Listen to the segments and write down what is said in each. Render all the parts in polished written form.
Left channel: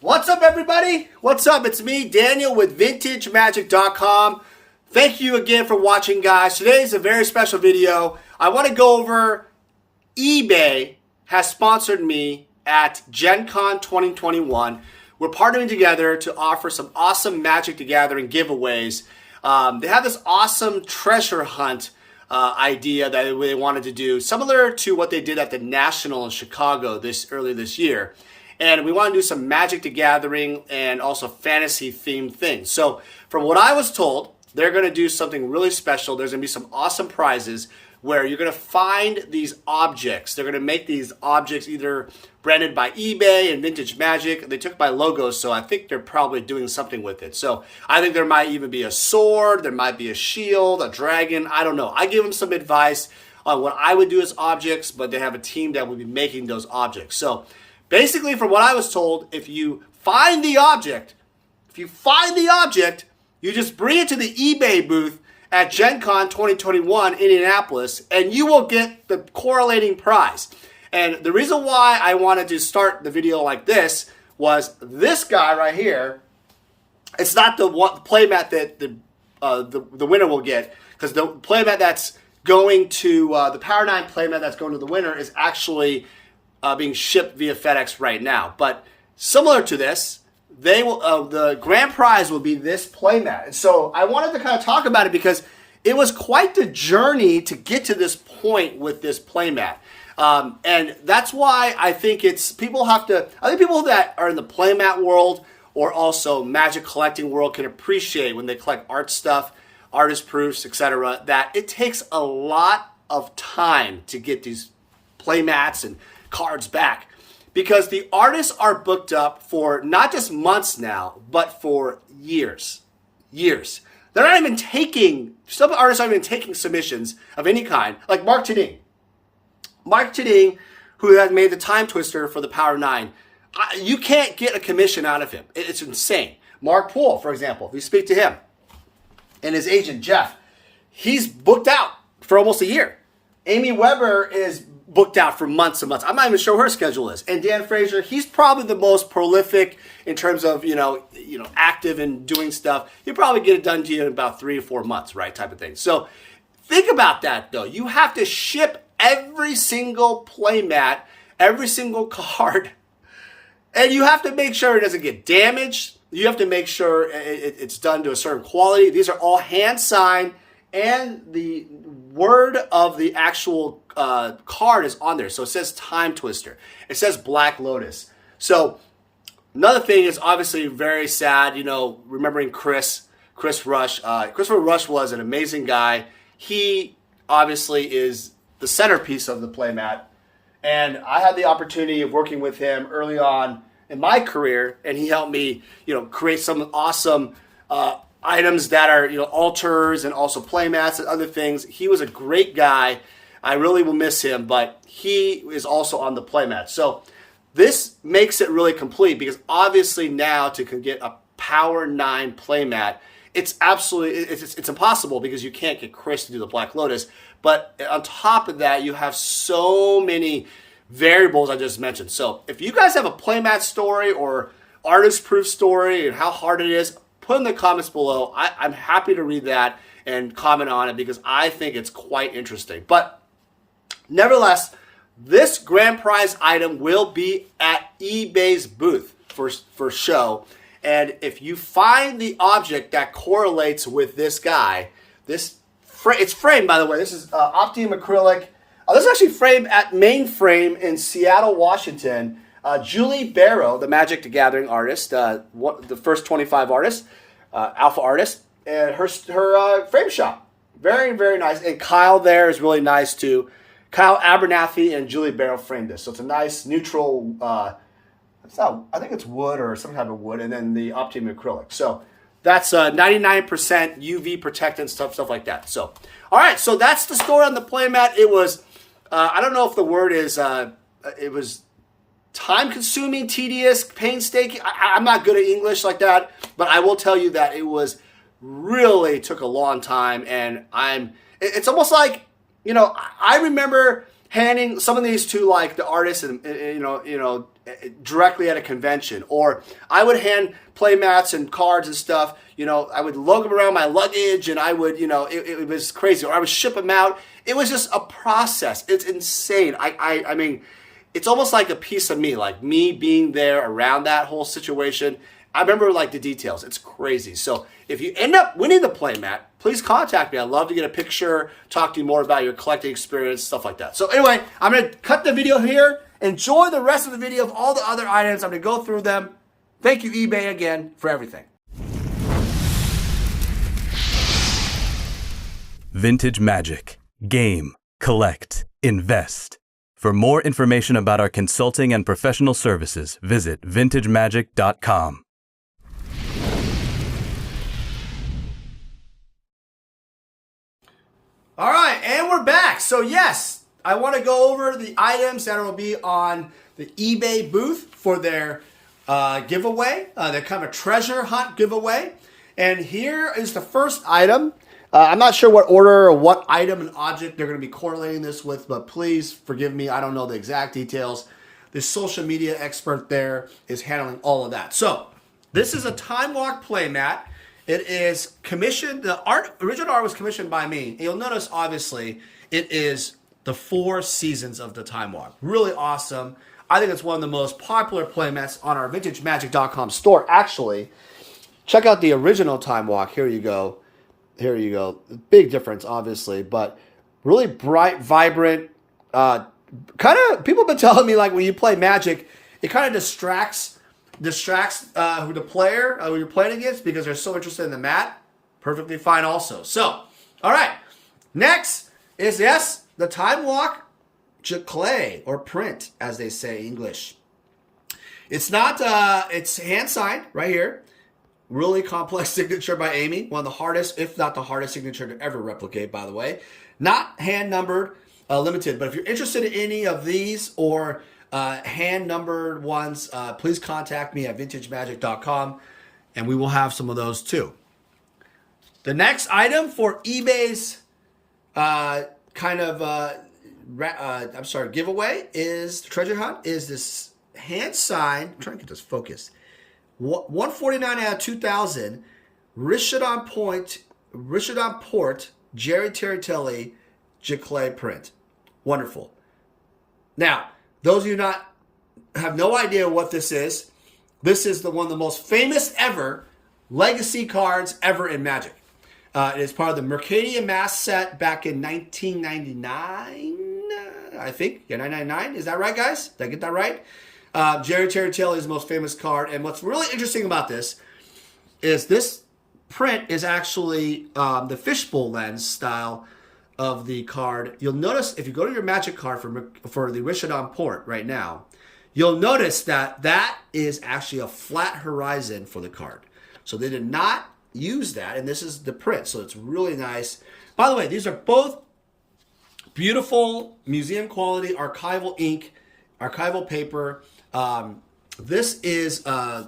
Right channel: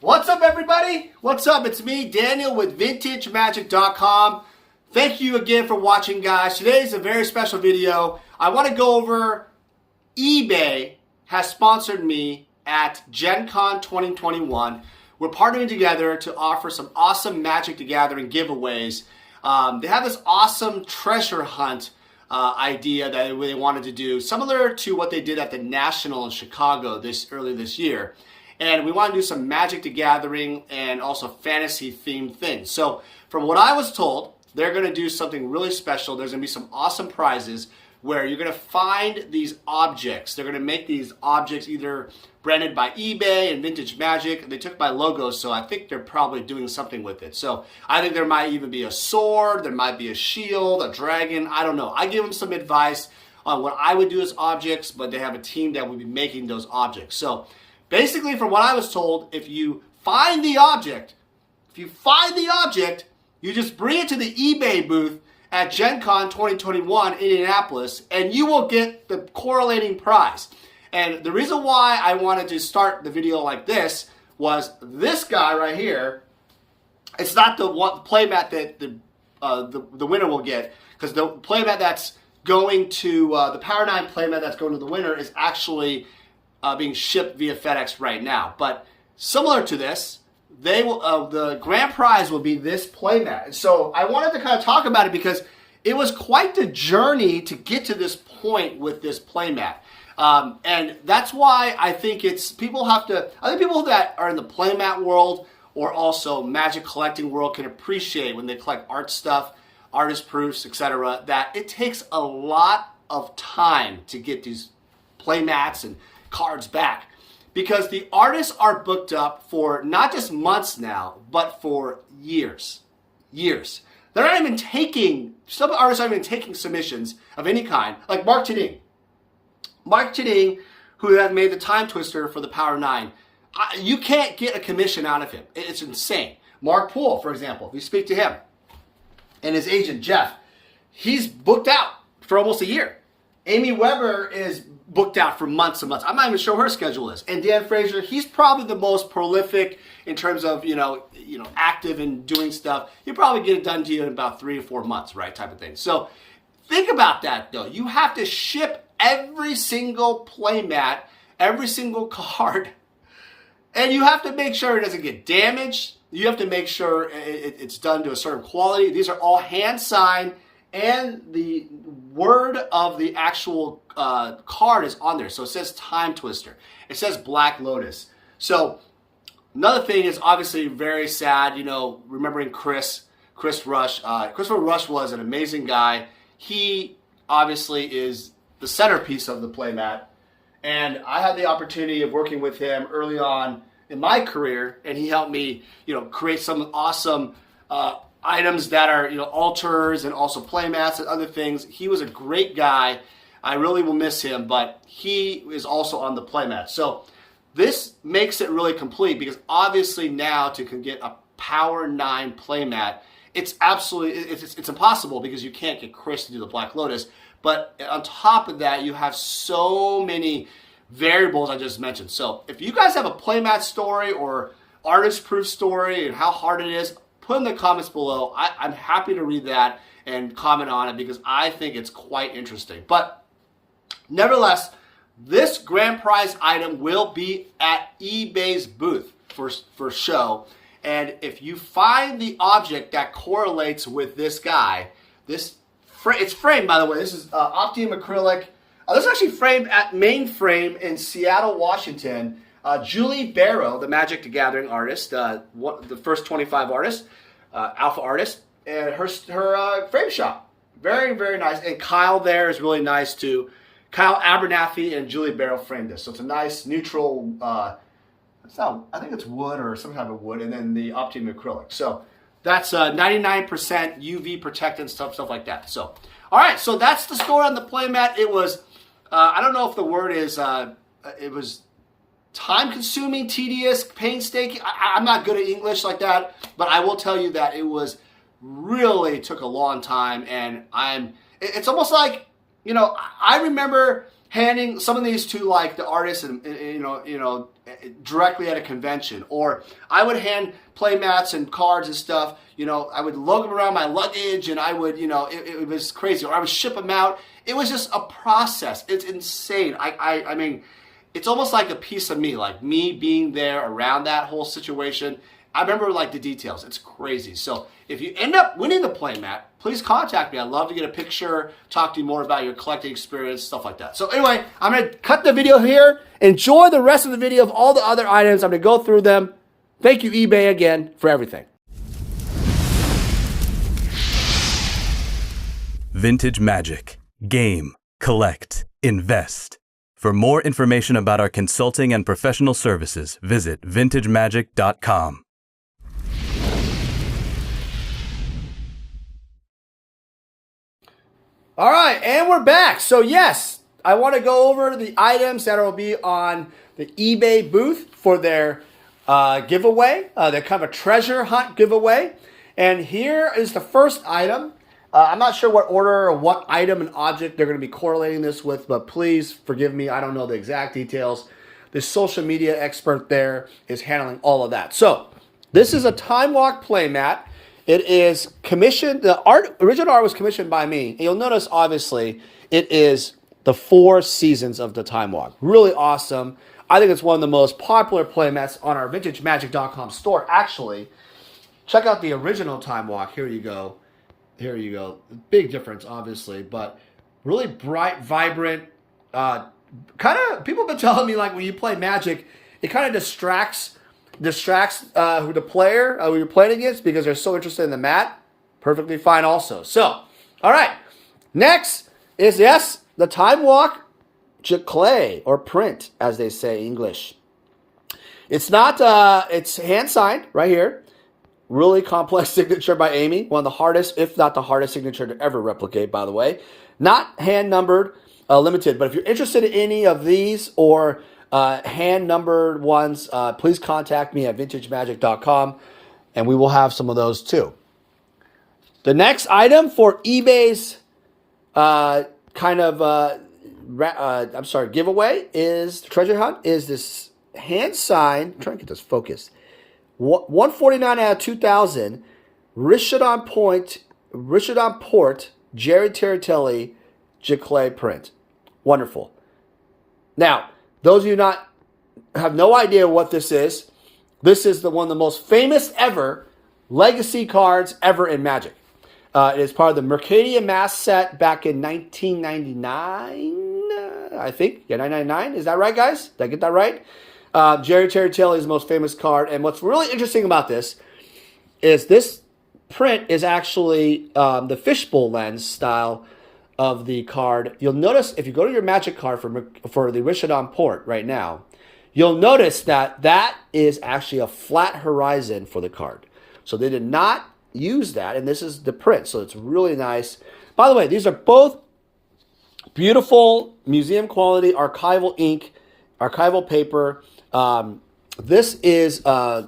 What's up, everybody? What's up? It's me, Daniel, with VintageMagic.com. Thank you again for watching, guys. Today is a very special video. I want to go over eBay has sponsored me at Gen Con 2021. We're partnering together to offer some awesome Magic the Gathering giveaways. They have this awesome treasure hunt idea that they wanted to do, similar to what they did at the National in Chicago earlier this year. And we want to do some Magic the Gathering and also fantasy themed things. So from what I was told, they're going to do something really special. There's going to be some awesome prizes where you're going to find these objects. They're going to make these objects either branded by eBay and Vintage Magic. They took my logo, so I think they're probably doing something with it. So I think there might even be a sword, there might be a shield, a dragon, I don't know. I give them some advice on what I would do as objects, but they have a team that would be making those objects. So basically, from what I was told, if you find the object, you just bring it to the eBay booth at Gen Con 2021 Indianapolis, and you will get the correlating prize. And the reason why I wanted to start the video like this was this guy right here. It's not the playmat that the winner will get, because the playmat that's going to the Power 9 playmat that's going to the winner is actually being shipped via FedEx right now. But similar to this, they will the grand prize will be this playmat. And so I wanted to kind of talk about it because it was quite the journey to get to this point with this playmat. And that's why I think people that are in the playmat world or also Magic collecting world can appreciate when they collect art stuff, artist proofs, etc., that it takes a lot of time to get these playmats and cards back, because the artists are booked up for not just months now, but for years. They're not even taking, some artists aren't even taking submissions of any kind, like Mark Teding, who had made the Time Twister for the Power 9. You can't get a commission out of him. It's insane. Mark Poole, for example, if you speak to him, and his agent, Jeff, he's booked out for almost a year. Amy Weber is booked out for months and months. I'm not even sure her schedule is. And Dan Frazier, he's probably the most prolific in terms of, active and doing stuff. He'll probably get it done to you in about 3 or 4 months, right, type of thing. So think about that, though. You have to ship every single playmat, every single card, and you have to make sure it doesn't get damaged. You have to make sure it's done to a certain quality. These are all hand-signed, and the word of the actual card is on there. So it says Time Twister. It says Black Lotus. So another thing is obviously very sad, remembering Chris Rush. Christopher Rush was an amazing guy. He obviously is the centerpiece of the playmat. And I had the opportunity of working with him early on in my career, and he helped me, create some awesome items that are, altars and also playmats and other things. He was a great guy. I really will miss him, but he is also on the playmat. So this makes it really complete, because obviously now to get a Power 9 playmat, it's impossible, because you can't get Chris to do the Black Lotus. But on top of that, you have so many variables I just mentioned. So if you guys have a playmat story or artist proof story and how hard it is, put in the comments below. I'm happy to read that and comment on it, because I think it's quite interesting. But nevertheless, this grand prize item will be at eBay's booth for show. And if you find the object that correlates with this guy, it's framed, by the way. This is Optium acrylic. This is actually framed at Mainframe in Seattle, Washington. Julie Barrow, the Magic the Gathering artist, the first 25 artists, alpha artist, and her frame shop. Very, very nice. And Kyle there is really nice too. Kyle Abernathy and Julie Barrow framed this. So it's a nice neutral, I think it's wood or some kind of wood, and then the Optium acrylic. So that's 99% UV protectant, stuff like that. So, all right, so that's the story on the playmat. It was, I don't know if the word is, it was time-consuming, tedious, painstaking. I'm not good at English like that, but I will tell you that it really took a long time, and it's almost like, I remember handing some of these to like the artists and directly at a convention, or I would hand playmats and cards and stuff. I would lug them around my luggage, and I would, it was crazy. Or I would ship them out. It was just a process. It's insane. I mean, it's almost like a piece of me, like me being there around that whole situation. I remember like the details. It's crazy. So if you end up winning the playmat, please contact me. I'd love to get a picture, talk to you more about your collecting experience, stuff like that. So anyway, I'm going to cut the video here. Enjoy the rest of the video of all the other items. I'm going to go through them. Thank you, eBay, again, for everything. Vintage Magic. Game, collect, invest. For more information about our consulting and professional services, visit vintagemagic.com. All right, and we're back. So yes, I want to go over the items that will be on the eBay booth for their giveaway. They're kind of a treasure hunt giveaway. And here is the first item. I'm not sure what order or what item and object they're going to be correlating this with, but please forgive me. I don't know the exact details. The social media expert there is handling all of that. So this is a Time Walk playmat. It is commissioned. The original art was commissioned by me. And you'll notice, obviously, it is the 4 seasons of the Time Walk. Really awesome. I think it's one of the most popular playmats on our vintagemagic.com store. Actually, check out the original Time Walk. Here you go. Here you go. Big difference, obviously, but really bright, vibrant. Kind of, people have been telling me, like, when you play Magic, it kind of distracts who the player who you're playing against because they're so interested in the mat. Perfectly fine also. So, all right. Next is, yes, the Time Walk Giclée, or print, as they say in English. It's not, it's hand-signed right here. Really complex signature by Amy. One of the hardest, if not the hardest signature to ever replicate, by the way. Not hand-numbered, limited. But if you're interested in any of these or hand-numbered ones, please contact me at vintagemagic.com, and we will have some of those too. The next item for eBay's giveaway is treasure hunt is this hand-signed. I'm trying to get this focused. 149 out of 2000, Richard on Port, Jerry Territelli, Giclée print. Wonderful. Now, those of you not have no idea what this is one of the most famous ever legacy cards ever in Magic. It is part of the Mercadian Mass set back in 1999, I think. Yeah, 1999. Is that right, guys? Did I get that right? Jerry Territelli's most famous card. And what's really interesting about this is this print is actually the fishbowl lens style of the card. You'll notice if you go to your Magic card for the Richard on Port right now, you'll notice that is actually a flat horizon for the card. So they did not use that, and this is the print. So it's really nice. By the way, these are both beautiful museum quality archival ink, archival paper. This is a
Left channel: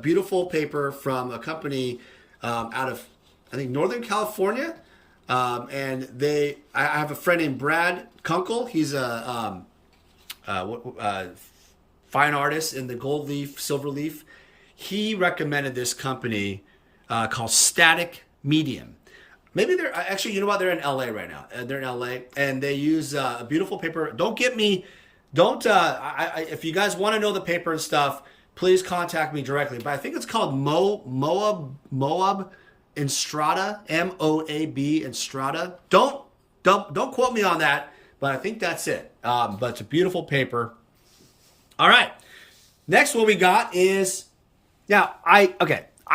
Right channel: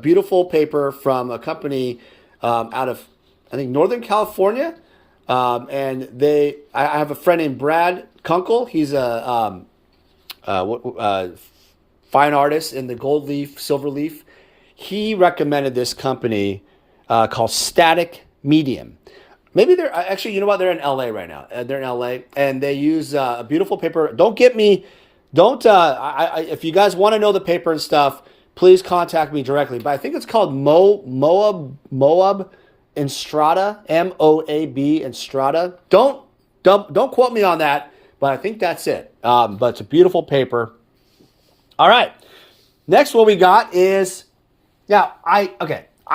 beautiful paper from a company out of, I think, Northern California. And I have a friend named Brad Kunkel. He's a fine artist in the gold leaf, silver leaf. He recommended this company called Static Medium. Maybe they're actually, you know what? They're in LA right now. They're in LA, and they use a beautiful paper. Don't get me. Don't. If you guys want to know the paper and stuff, please contact me directly. But I think it's called Moab Instrata, MOAB Instrata. Don't quote me on that, but I think that's it. But it's a beautiful paper. All right. Next, what we got is, I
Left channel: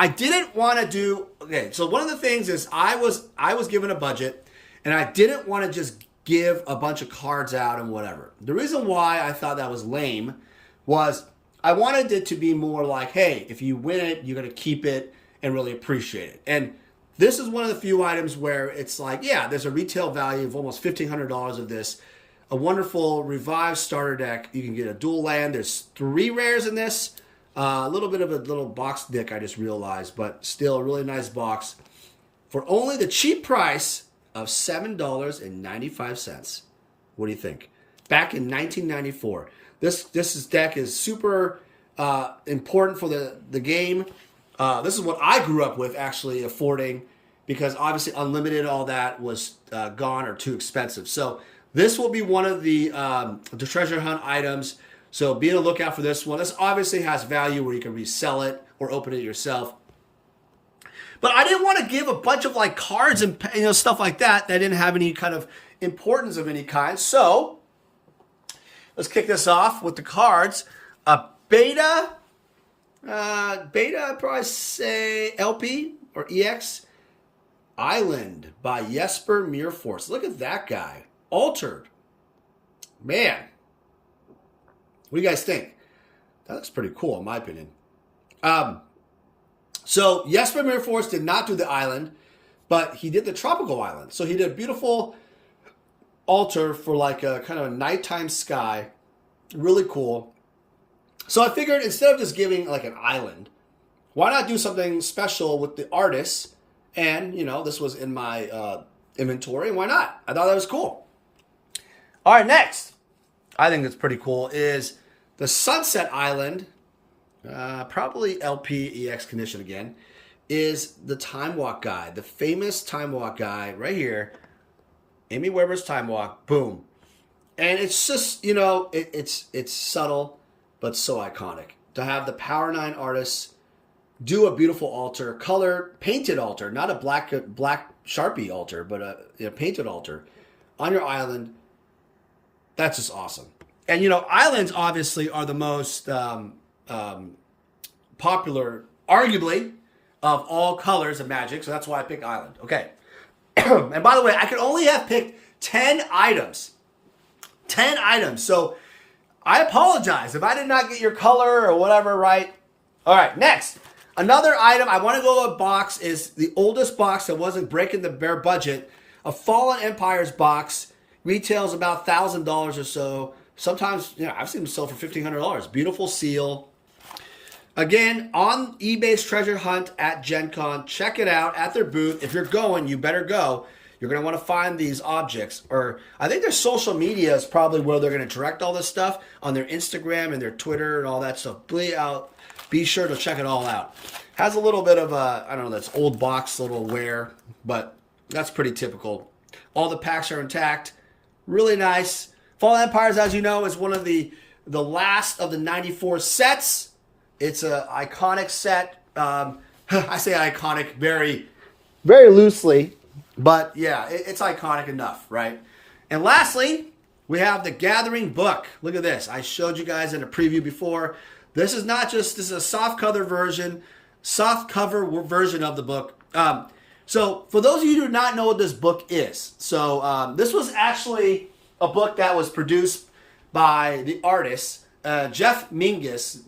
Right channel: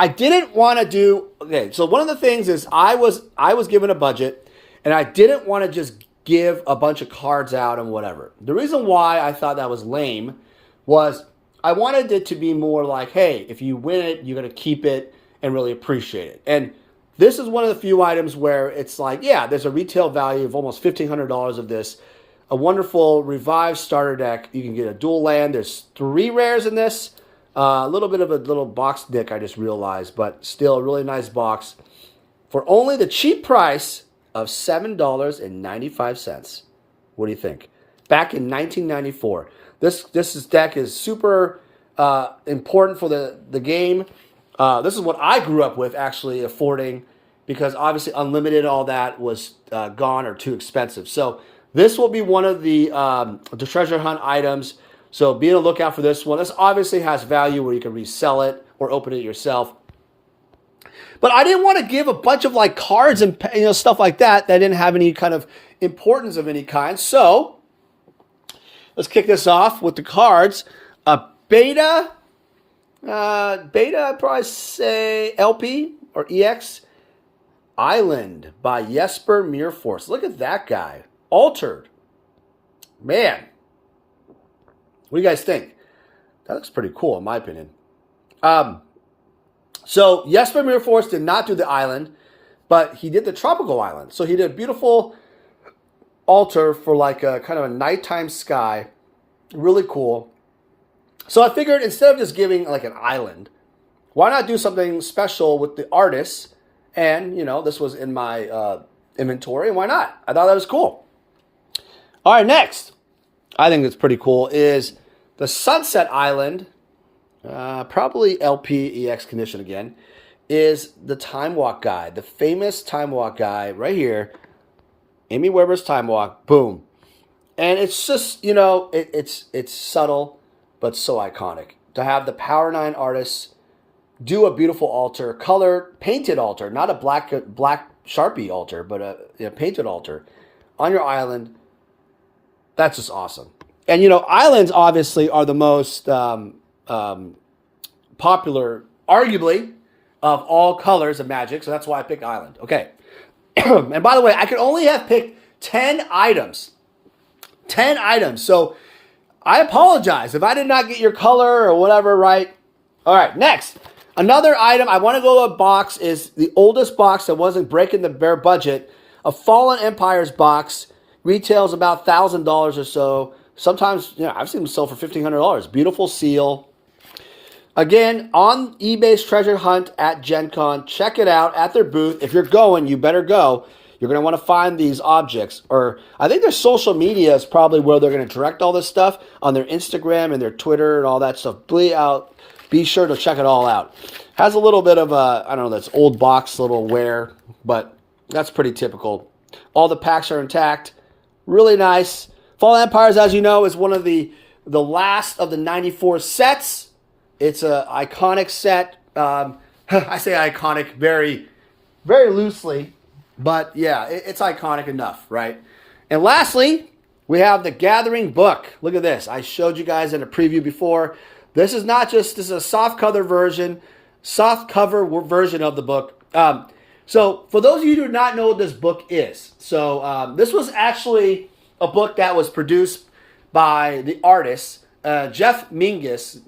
didn't want to do. Okay, so one of the things is I was given a budget, and I didn't want to just give a bunch of cards out and whatever. The reason why I thought that was lame was I wanted it to be more like, hey, if you win it, you're going to keep it and really appreciate it. And this is one of the few items where it's like, yeah, there's a retail value of almost $1,500 of this. A wonderful revived starter deck. You can get a dual land. There's 3 rares in this. A little bit of a little box deck, I just realized, but still a really nice box for only the cheap price of $7.95. What do you think? back in 1994. This deck is super important for the game. This is what I grew up with, actually affording, because obviously Unlimited and all that was gone or too expensive. So this will be one of the treasure hunt items. So be on the lookout for this one. This obviously has value where you can resell it or open it yourself. But I didn't want to give a bunch of like cards and stuff like that didn't have any kind of importance of any kind. So let's kick this off with the cards. Beta, I'd probably say LP or EX. Island by Jesper Muirforce. Look at that guy. Altered. Man. What do you guys think? That looks pretty cool in my opinion. So Jesper Muirforce did not do the island, but he did the tropical island. So he did a beautiful altar for like a kind of a nighttime sky. Really cool. So I figured instead of just giving like an island, why not do something special with the artists? And, this was in my inventory, and why not? I thought that was cool. All right, next, I think it's pretty cool, is the Sunset Island, probably LP EX condition again, is the Time Walk Guide, the famous Time Walk Guide right here. Amy Weber's Time Walk, boom. And it's just, it's subtle, but so iconic. To have the Power 9 artists do a beautiful altar, colored, painted altar, not a black Sharpie altar, but a painted altar on your island. That's just awesome. And, islands obviously are the most popular, arguably, of all colors of Magic. So that's why I picked island. Okay. And by the way, I could only have picked 10 items. 10 items. So I apologize if I did not get your color or whatever right. All right, next. Another item I want to go to a box is the oldest box that wasn't breaking the bare budget. A Fallen Empires box retails about $1,000 or so. Sometimes, I've seen them sell for $1,500. Beautiful seal. Again, on eBay's treasure hunt at Gen Con. Check it out at their booth. If you're going, you better go. You're going to want to find these objects. Or I think their social media is probably where they're going to direct all this stuff on their Instagram and their Twitter and all that stuff. Be sure to check it all out. Has a little bit of a, I don't know, that's old box little wear, but that's pretty typical. All the packs are intact. Really nice. Fallen Empires, as you know, is one of the last of the 94 sets. It's an iconic set. I say iconic very, very loosely, but yeah, it's iconic enough, right? And lastly, we have the Gathering book. Look at this. I showed you guys in a preview before. This is a soft cover version of the book. So for those of you who do not know what this book is, this was actually a book that was produced by the artist Jeff Mingus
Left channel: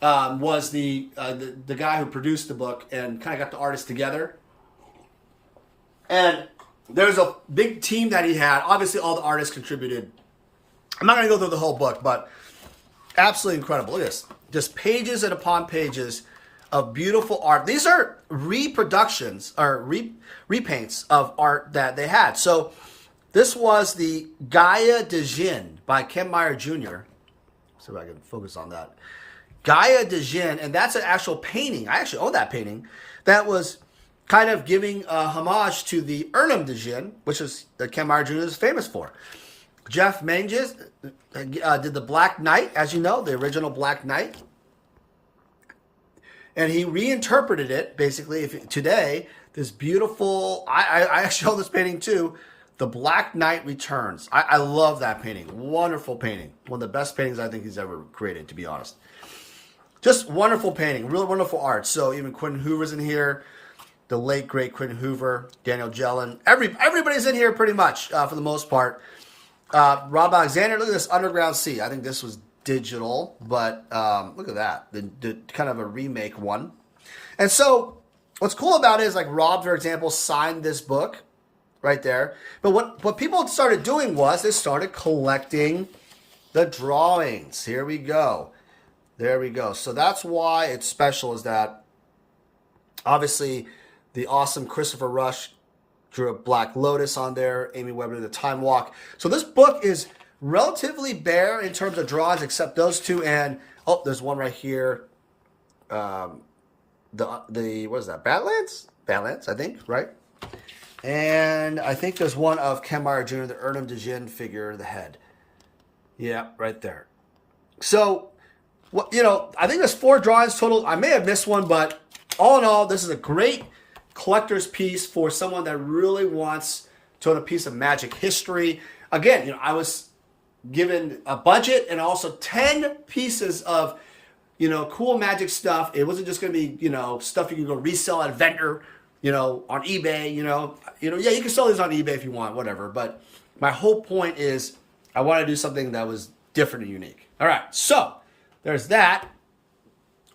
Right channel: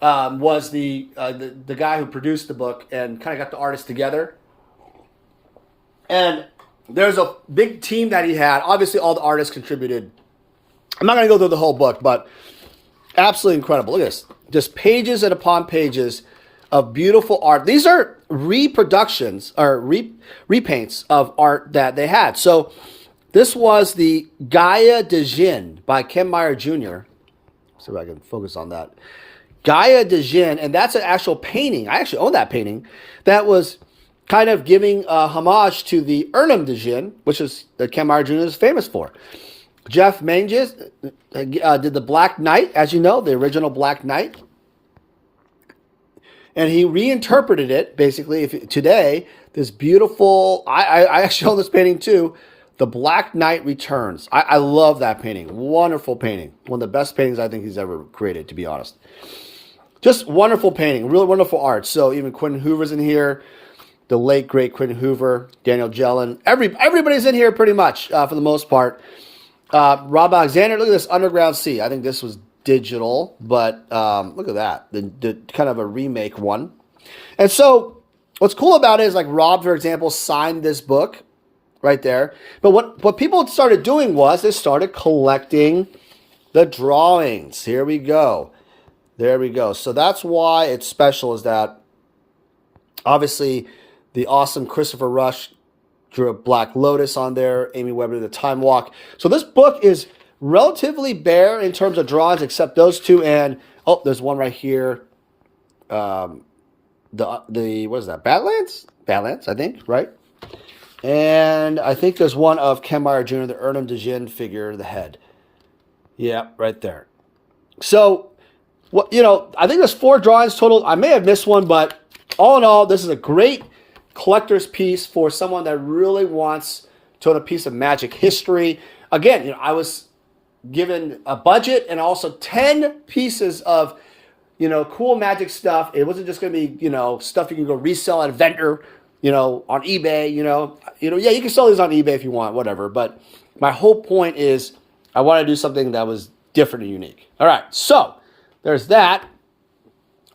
was the guy who produced the book and kind of got the artists together. And there's a big team that he had. Obviously, all the artists contributed. I'm not going to go through the whole book, but absolutely incredible. Look at this. Just pages and upon pages of beautiful art. These are reproductions or repaints of art that they had. So this was the Gaia de Jin by Ken Meyer Jr. See if I can focus on that. Gaia de Jin, and that's an actual painting. I actually own that painting. That was kind of giving homage to the Urnum de Jin, which is that Ken Meyer Jr. is famous for. Jeff Manges did the Black Knight, as you know, the original Black Knight. And he reinterpreted it, basically, today, this beautiful, I actually own this painting too, The Black Knight Returns. I love that painting. Wonderful painting. One of the best paintings I think he's ever created, to be honest. Just wonderful painting. Really wonderful art. So even Quentin Hoover's in here. The late, great Quentin Hoover. Daniel Jellin. Everybody's in here pretty much, for the most part. Rob Alexander. Look at this Underground Sea. I think this was digital, but look at that. The kind of a remake one. And so what's cool about it is, like, Rob, for example, signed this book right there. But what people started doing was they started collecting the drawings. Here we go. There we go. So that's why it's special, is that obviously the awesome Christopher Rush drew a Black Lotus on there, Amy Weber, the Time Walk. So this book is relatively bare in terms of drawings, except those two. And, oh, there's one right here. The what is that? Badlands? Badlands, I think, right? And I think there's one of Ken Meyer Jr., the Ernum de Jin figure, the head. Yeah, right there. So, what I think there's 4 drawings total. I may have missed one, but all in all, this is a great collector's piece for someone that really wants to own a piece of Magic history. Again, I was given a budget and also 10 pieces of, cool Magic stuff. It wasn't just going to be, stuff you can go resell at a vendor, on eBay, yeah, you can sell these on eBay if you want, whatever. But my whole point is I want to do something that was different and unique. All right, so there's that.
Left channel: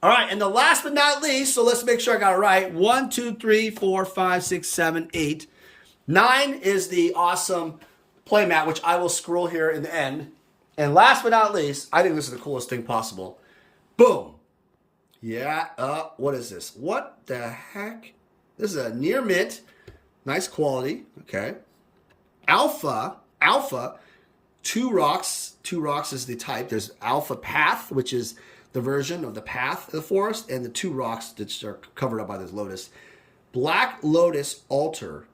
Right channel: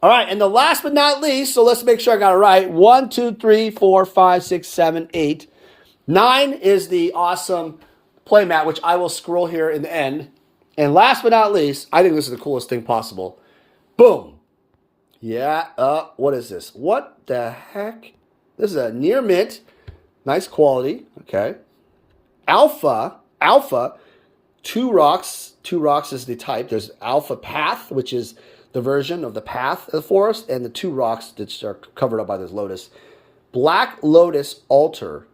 All right, and the last but not least, so let's make sure I got it right. 1, 2, 3, 4, 5, 6, 7, 8. 9 is the awesome playmat, which I will scroll here in the end. And last but not least, I think this is the coolest thing possible. Boom. Yeah, what is this? What the heck? This is a near mint. Nice quality. Okay. Alpha. 2 rocks. 2 rocks is the type. There's Alpha Path, which is the version of the path of the forest, and the 2 rocks that are covered up by this lotus. Black Lotus Altar,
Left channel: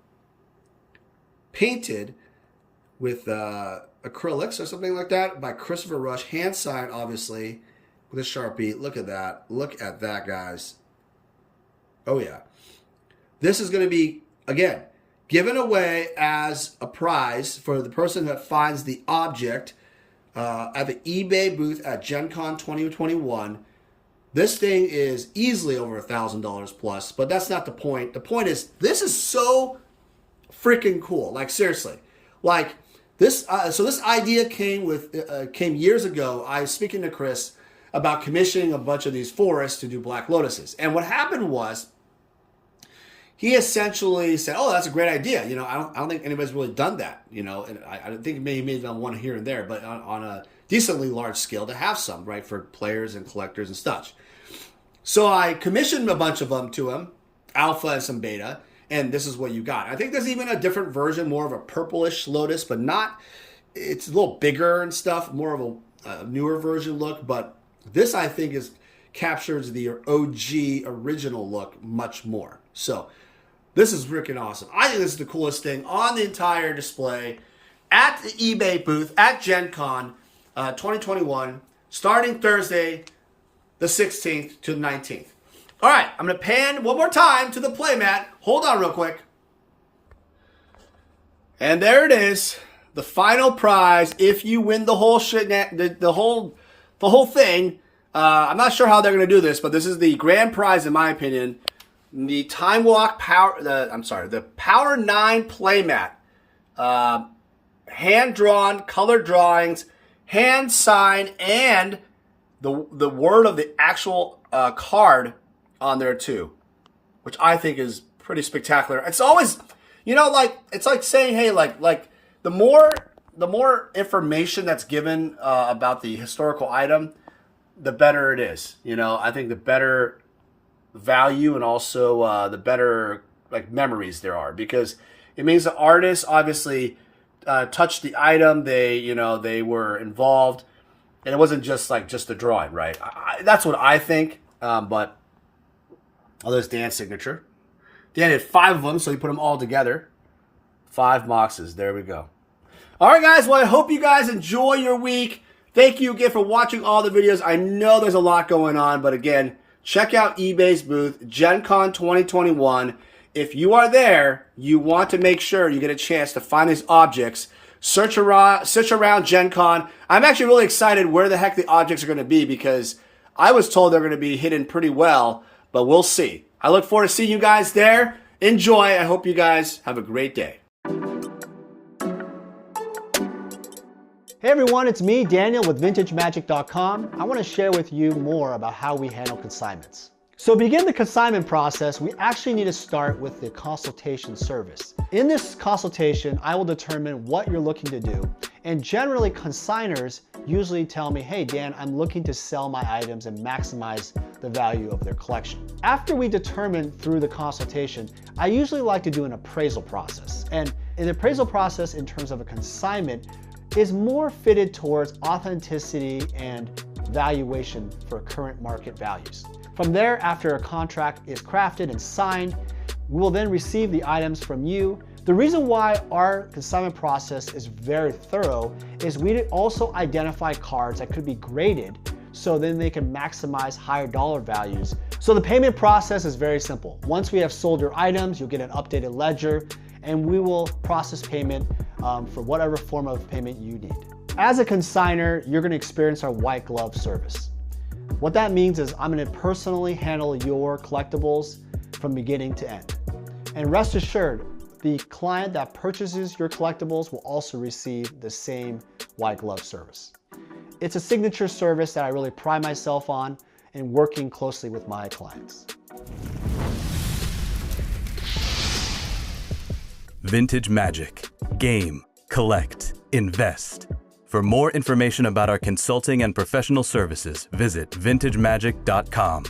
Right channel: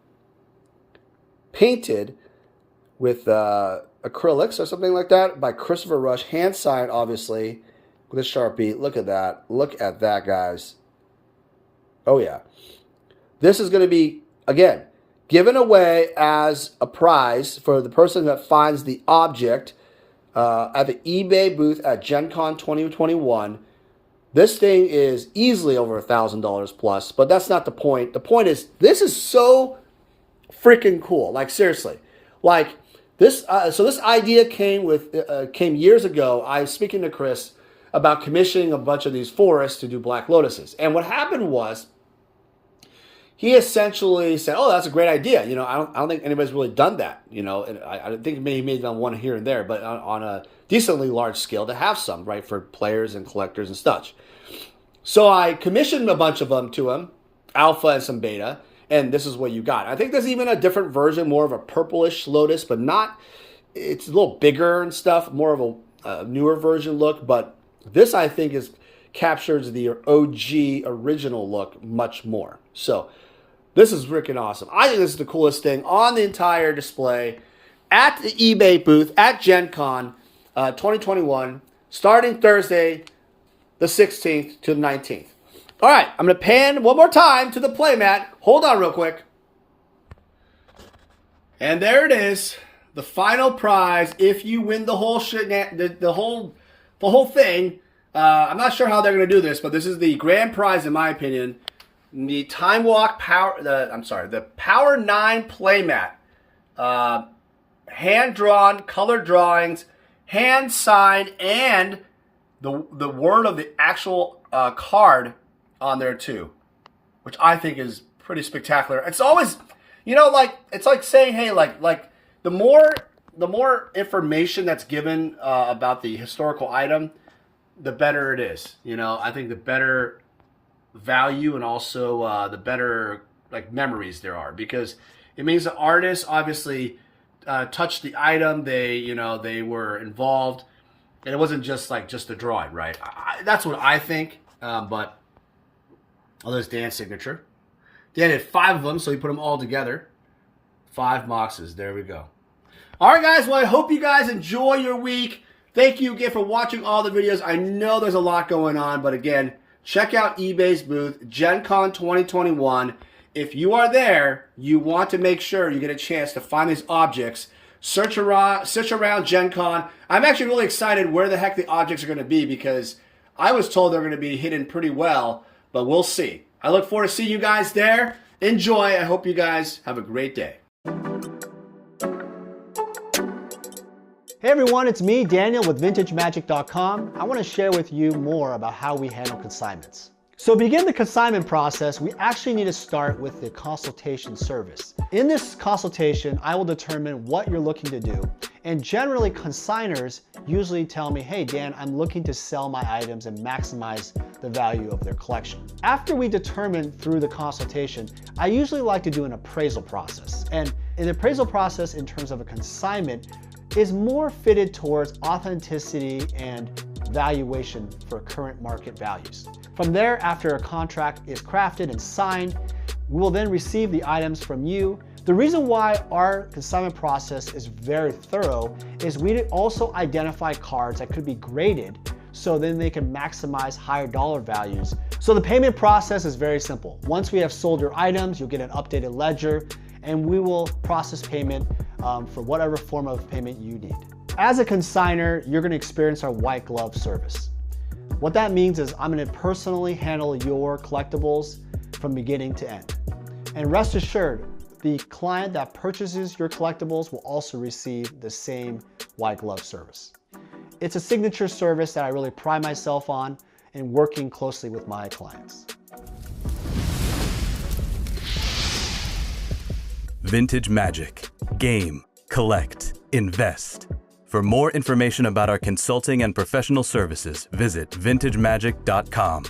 painted with acrylics or something like that by Christopher Rush. Hand signed, obviously, with a Sharpie. Look at that. Look at that, guys. Oh, yeah. This is going to be, again, given away as a prize for the person that finds the object at the eBay booth at Gen Con 2021. This thing is easily over $1,000 plus, but that's not the point. The point is, this is so freaking cool. Like, seriously. Like, this, so this idea came years ago. I was speaking to Chris about commissioning a bunch of these forests to do Black Lotuses. And what happened was, he essentially said, "Oh, that's a great idea. I don't think anybody's really done that. And I think maybe he may have done one here and there, but on a decently large scale to have some, right, for players and collectors and such." So I commissioned a bunch of them to him, alpha and some beta, and this is what you got. I think there's even a different version, more of a purplish Lotus, but not. It's a little bigger and stuff, more of a newer version look. But this, I think, captures the OG original look much more. So. This is freaking awesome. I think this is the coolest thing on the entire display at the eBay booth at Gen Con 2021, starting Thursday, the 16th to the 19th. All right, I'm going to pan one more time to the playmat. Hold on real quick. And there it is, the final prize. If you win the whole shit, the whole thing, I'm not sure how they're going to do this, but this is the grand prize in my opinion. The Time Walk the Power 9 playmat. Hand-drawn, color drawings, hand signed, and the word of the actual card on there too, which I think is pretty spectacular. It's always, it's like saying, hey, like the more information that's given about the historical item, the better it is. I think the better value and also the better memories there are, because it means the artist obviously touched the item. They were involved, and it wasn't just a drawing, right? That's what I think. But there's Dan's signature. Dan had 5 of them, so he put them all together. 5 boxes. There we go. All right, guys. Well, I hope you guys enjoy your week. Thank you again for watching all the videos. I know there's a lot going on, but again, check out eBay's booth, Gen Con 2021. If you are there, you want to make sure you get a chance to find these objects. Search around Gen Con. I'm actually really excited where the heck the objects are going to be, because I was told they're going to be hidden pretty well, but we'll see. I look forward to seeing you guys there. Enjoy. I hope you guys have a great day. Hey everyone, it's me, Daniel with VintageMagic.com. I want to share with you more about how we handle consignments. So to begin the consignment process, we actually need to start with the consultation service. In this consultation, I will determine what you're looking to do. And generally, consigners usually tell me, hey Dan, I'm looking to sell my items and maximize the value of their collection. After we determine through the consultation, I usually like to do an appraisal process. And an appraisal process in terms of a consignment is more fitted towards authenticity and valuation for current market values. From there, after a contract is crafted and signed, we will then receive the items from you. The reason why our consignment process is very thorough is we also identify cards that could be graded so then they can maximize higher dollar values. So the payment process is very simple. Once we have sold your items, you'll get an updated ledger and we will process payment for whatever form of payment you need. As a consignor, you're gonna experience our white glove service. What that means is I'm gonna personally handle your collectibles from beginning to end. And rest assured, the client that purchases your collectibles will also receive the same white glove service. It's a signature service that I really pride myself on in working closely with my clients. Vintage Magic. Game, collect, invest. For more information about our consulting and professional services, visit vintagemagic.com.